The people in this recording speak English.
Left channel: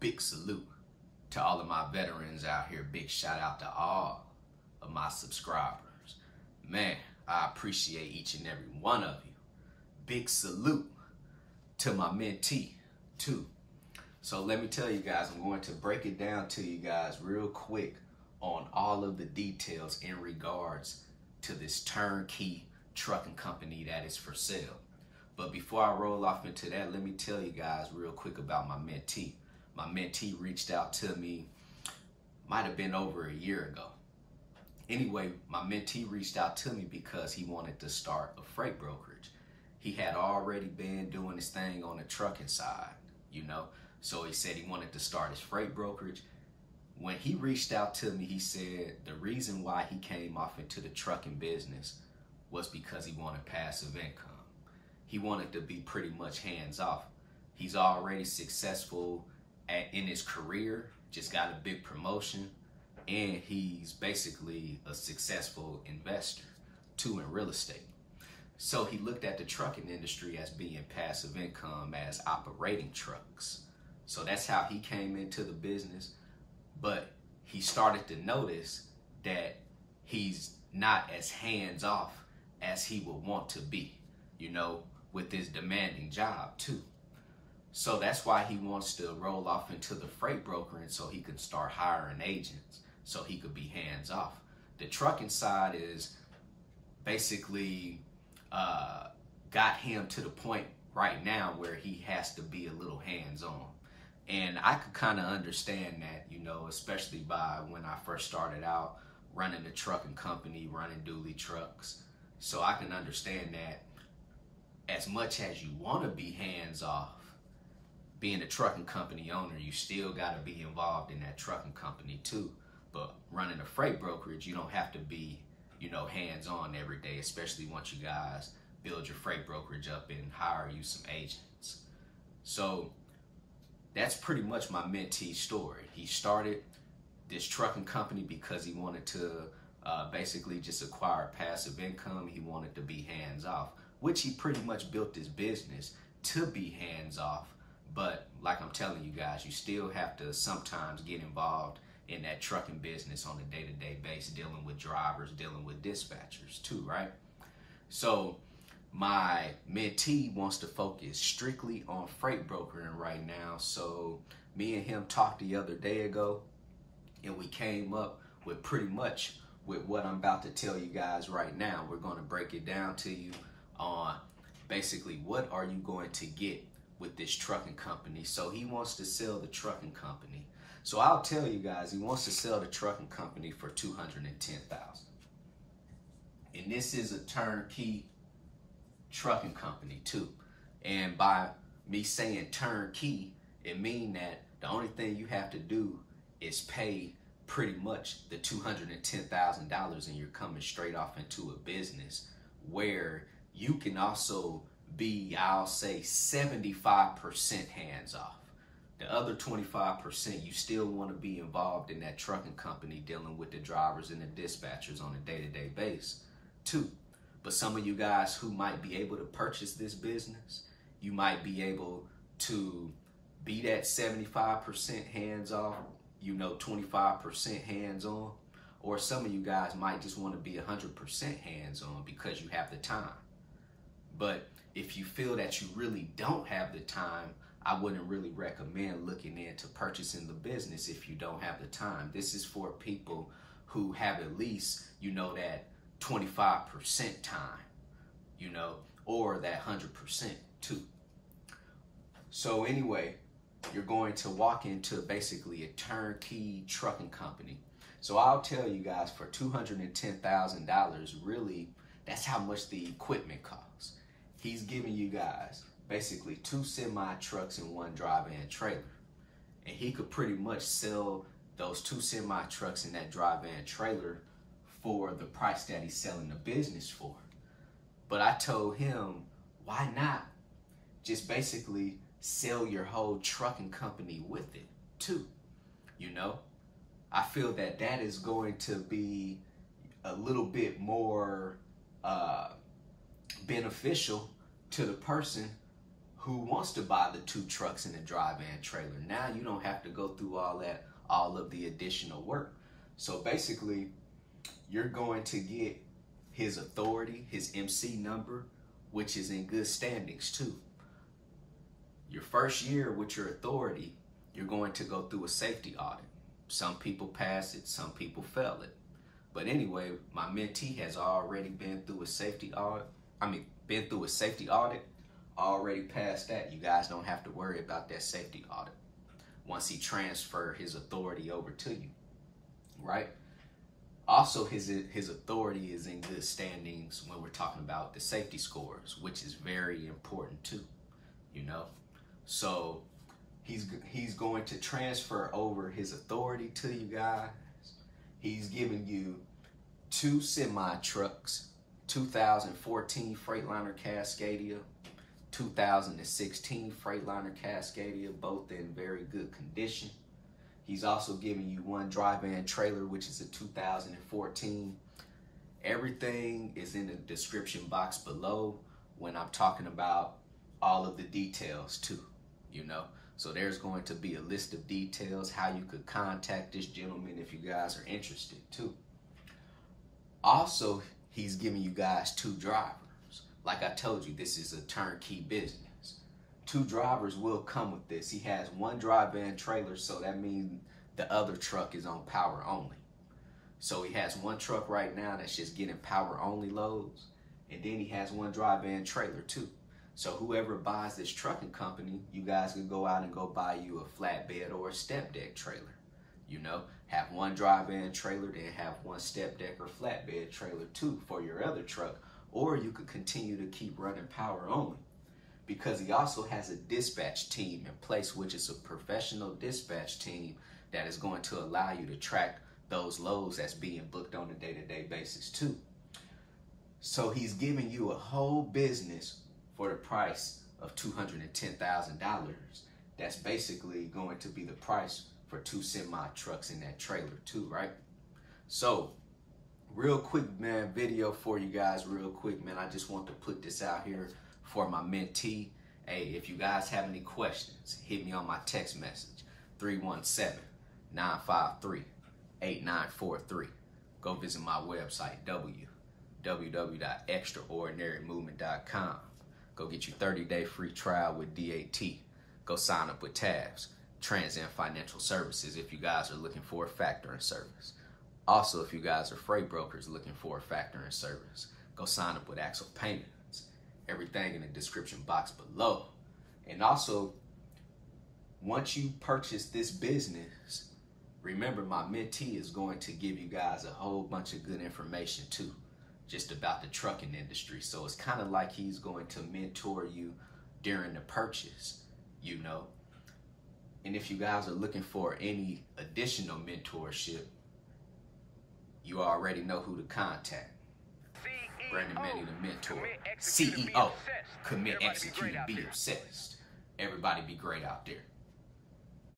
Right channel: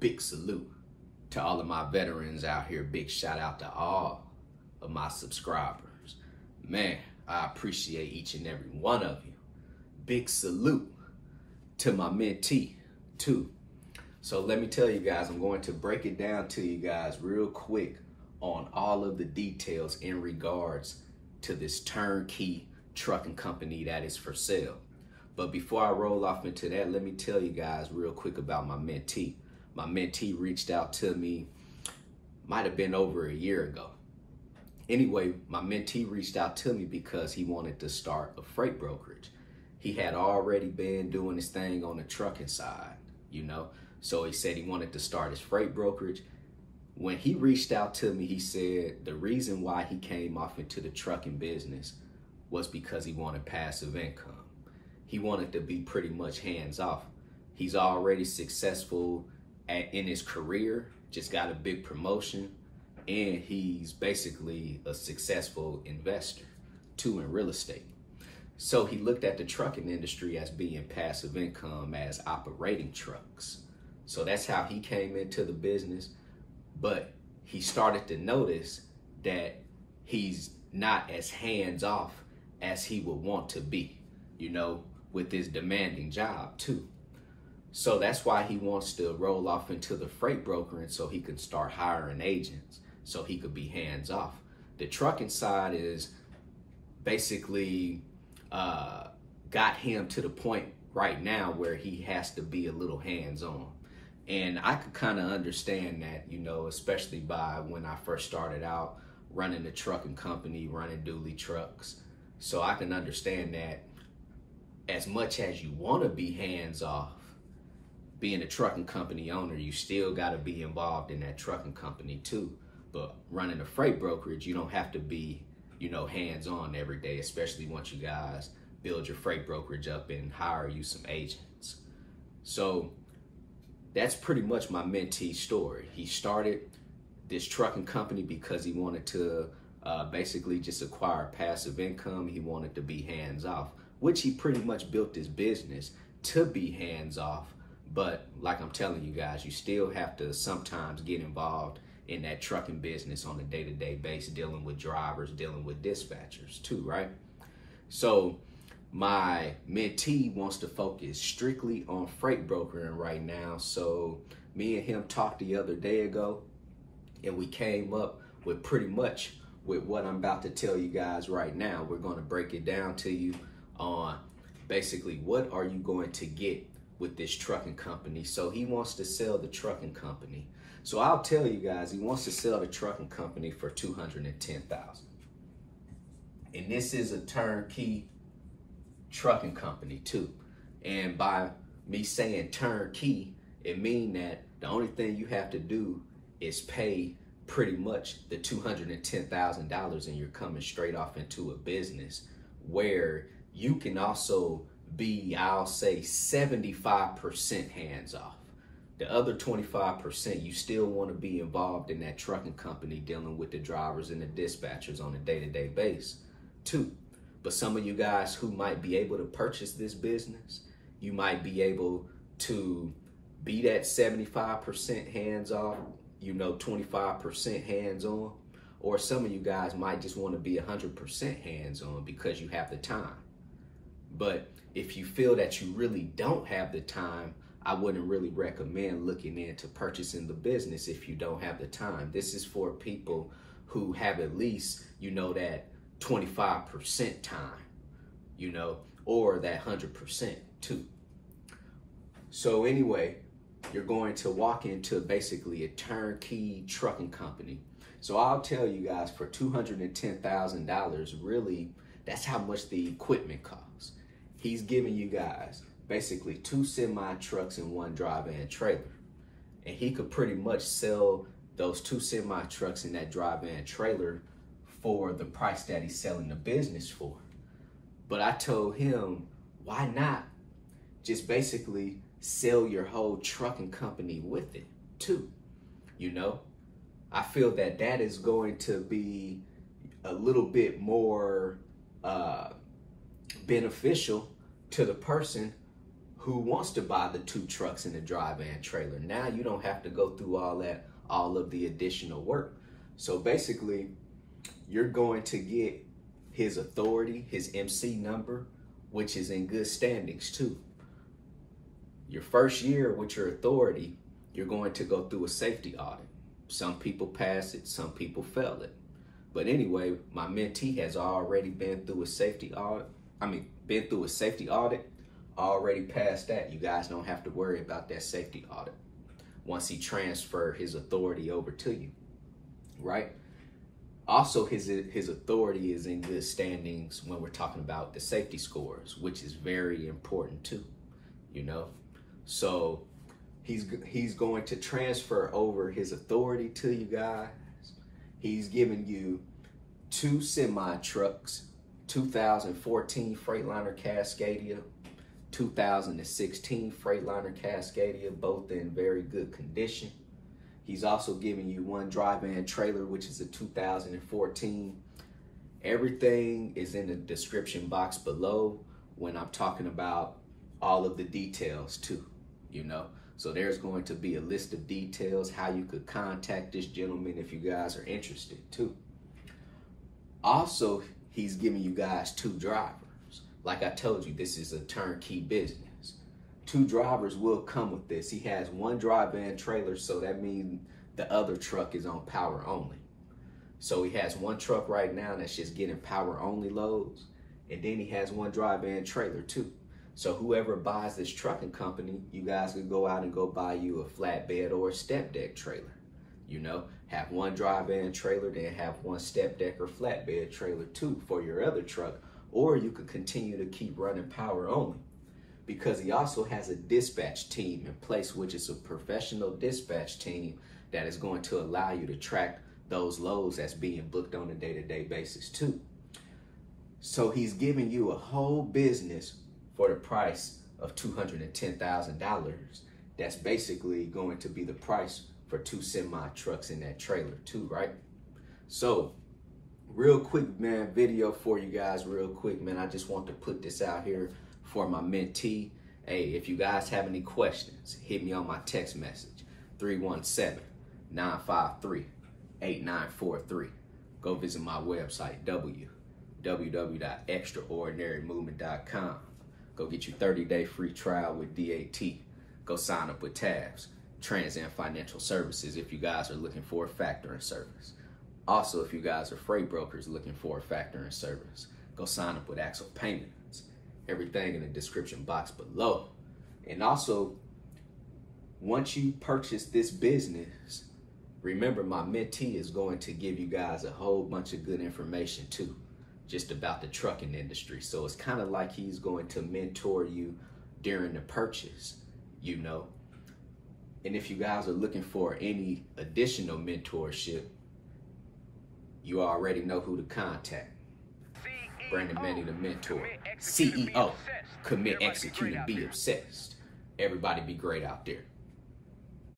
big salute to all of my veterans out here. Big shout out to all of my subscribers. Man, I appreciate each and every one of you. Big salute to my mentee too. So let me tell you guys, I'm going to break it down to you guys real quick on all of the details in regards to this turnkey trucking company that is for sale. But before I roll off into that, let me tell you guys real quick about my mentee. My mentee reached out to me, might have been over a year ago. Anyway, my mentee reached out to me because he wanted to start a freight brokerage. He had already been doing his thing on the trucking side, you know. So he said he wanted to start his freight brokerage. When he reached out to me, he said the reason why he came off into the trucking business was because he wanted passive income. He wanted to be pretty much hands-off. He's already successful in his career, just got a big promotion, and he's basically a successful investor too in real estate. So he looked at the trucking industry as being passive income, as operating trucks. So that's how he came into the business. But he started to notice that he's not as hands-off as he would want to be, you know, with his demanding job too. So that's why he wants to roll off into the freight brokering so he can start hiring agents, so he could be hands-off. The trucking side is basically got him to the point right now where he has to be a little hands-on. And I could kind of understand that, you know, especially by when I first started out running the trucking company, running dually trucks. So I can understand that as much as you want to be hands-off, being a trucking company owner, you still got to be involved in that trucking company too. But running a freight brokerage, you don't have to be, you know, hands-on every day, especially once you guys build your freight brokerage up and hire you some agents. So that's pretty much my mentee story. He started this trucking company because he wanted to basically just acquire passive income. He wanted to be hands-off, which he pretty much built his business to be hands-off. But like I'm telling you guys, you still have to sometimes get involved in that trucking business on a day-to-day basis, dealing with drivers, dealing with dispatchers too, right? So my mentee wants to focus strictly on freight brokering right now. So me and him talked the other day ago, and we came up with pretty much with what I'm about to tell you guys right now. We're going to break it down to you on basically what are you going to get with this trucking company. So he wants to sell the trucking company. So I'll tell you guys, he wants to sell the trucking company for $210,000. And this is a turnkey trucking company too. And by me saying turnkey, it means that the only thing you have to do is pay pretty much the $210,000, and you're coming straight off into a business where you can also be, I'll say, 75% hands-off. The other 25%, you still want to be involved in that trucking company, dealing with the drivers and the dispatchers on a day-to-day basis too. But some of you guys who might be able to purchase this business, you might be able to be that 75% hands-off, you know, 25% hands-on. Or some of you guys might just want to be 100% hands-on because you have the time. But if you feel that you really don't have the time, I wouldn't really recommend looking into purchasing the business if you don't have the time. This is for people who have at least, you know, that 25% time, you know, or that 100% too. So anyway, you're going to walk into basically a turnkey trucking company. So I'll tell you guys, for $210,000, really, that's how much the equipment costs. He's giving you guys basically 2 semi-trucks and 1 dry-van trailer. And he could pretty much sell those 2 semi-trucks and that dry-van trailer for the price that he's selling the business for. But I told him, why not just basically sell your whole trucking company with it too? You know, I feel that that is going to be a little bit more beneficial to the person who wants to buy the 2 trucks and a dry van trailer. Now you don't have to go through all of the additional work. So basically, you're going to get his authority, his MC number, which is in good standings too. Your first year with your authority, you're going to go through a safety audit. Some people pass it, some people fail it. But anyway, my mentee has already been through a safety audit. Already passed that. You guys don't have to worry about that safety audit once he transfers his authority over to you, right? Also, his authority is in good standings when we're talking about the safety scores, which is very important too, you know? So he's going to transfer over his authority to you guys. He's giving you 2 semi-trucks, 2014 Freightliner Cascadia, 2016 Freightliner Cascadia, both in very good condition. He's also giving you 1 dry van trailer, which is a 2014. Everything is in the description box below when I'm talking about all of the details too, you know. So there's going to be a list of details, how you could contact this gentleman if you guys are interested too. Also, he's giving you guys 2 drivers. Like I told you, this is a turnkey business. 2 drivers will come with this. He has 1 dry van trailer, so that means the other truck is on power only. So he has 1 truck right now that's just getting power only loads, and then he has 1 dry van trailer too. So whoever buys this trucking company, you guys can go out and go buy you a flatbed or a step deck trailer. You know, have 1 dry van trailer, then have 1 step deck or flatbed trailer too for your other truck. Or you could continue to keep running power only, because he also has a dispatch team in place, which is a professional dispatch team that is going to allow you to track those loads that's being booked on a day-to-day basis too. So he's giving you a whole business for the price of $210,000. That's basically going to be the price for 2 semi-trucks in that trailer too, right? So real quick, man, video for you guys real quick, man. I just want to put this out here for my mentee. Hey, if you guys have any questions, hit me on my text message, 317-953-8943. Go visit my website, www.extraordinarymovement.com. Go get your 30-day free trial with DAT. Go sign up with TAFS, Transcend Financial Services, if you guys are looking for a factoring service. Also, if you guys are freight brokers looking for a factoring service, go sign up with Axle Payments. Everything in the description box below. And also, once you purchase this business, remember my mentee is going to give you guys a whole bunch of good information too, just about the trucking industry. So it's kind of like he's going to mentor you during the purchase, you know. And if you guys are looking for any additional mentorship, you already know who to contact. Brandon Manny, the mentor. CEO, commit, execute, and be obsessed. Everybody be great out there.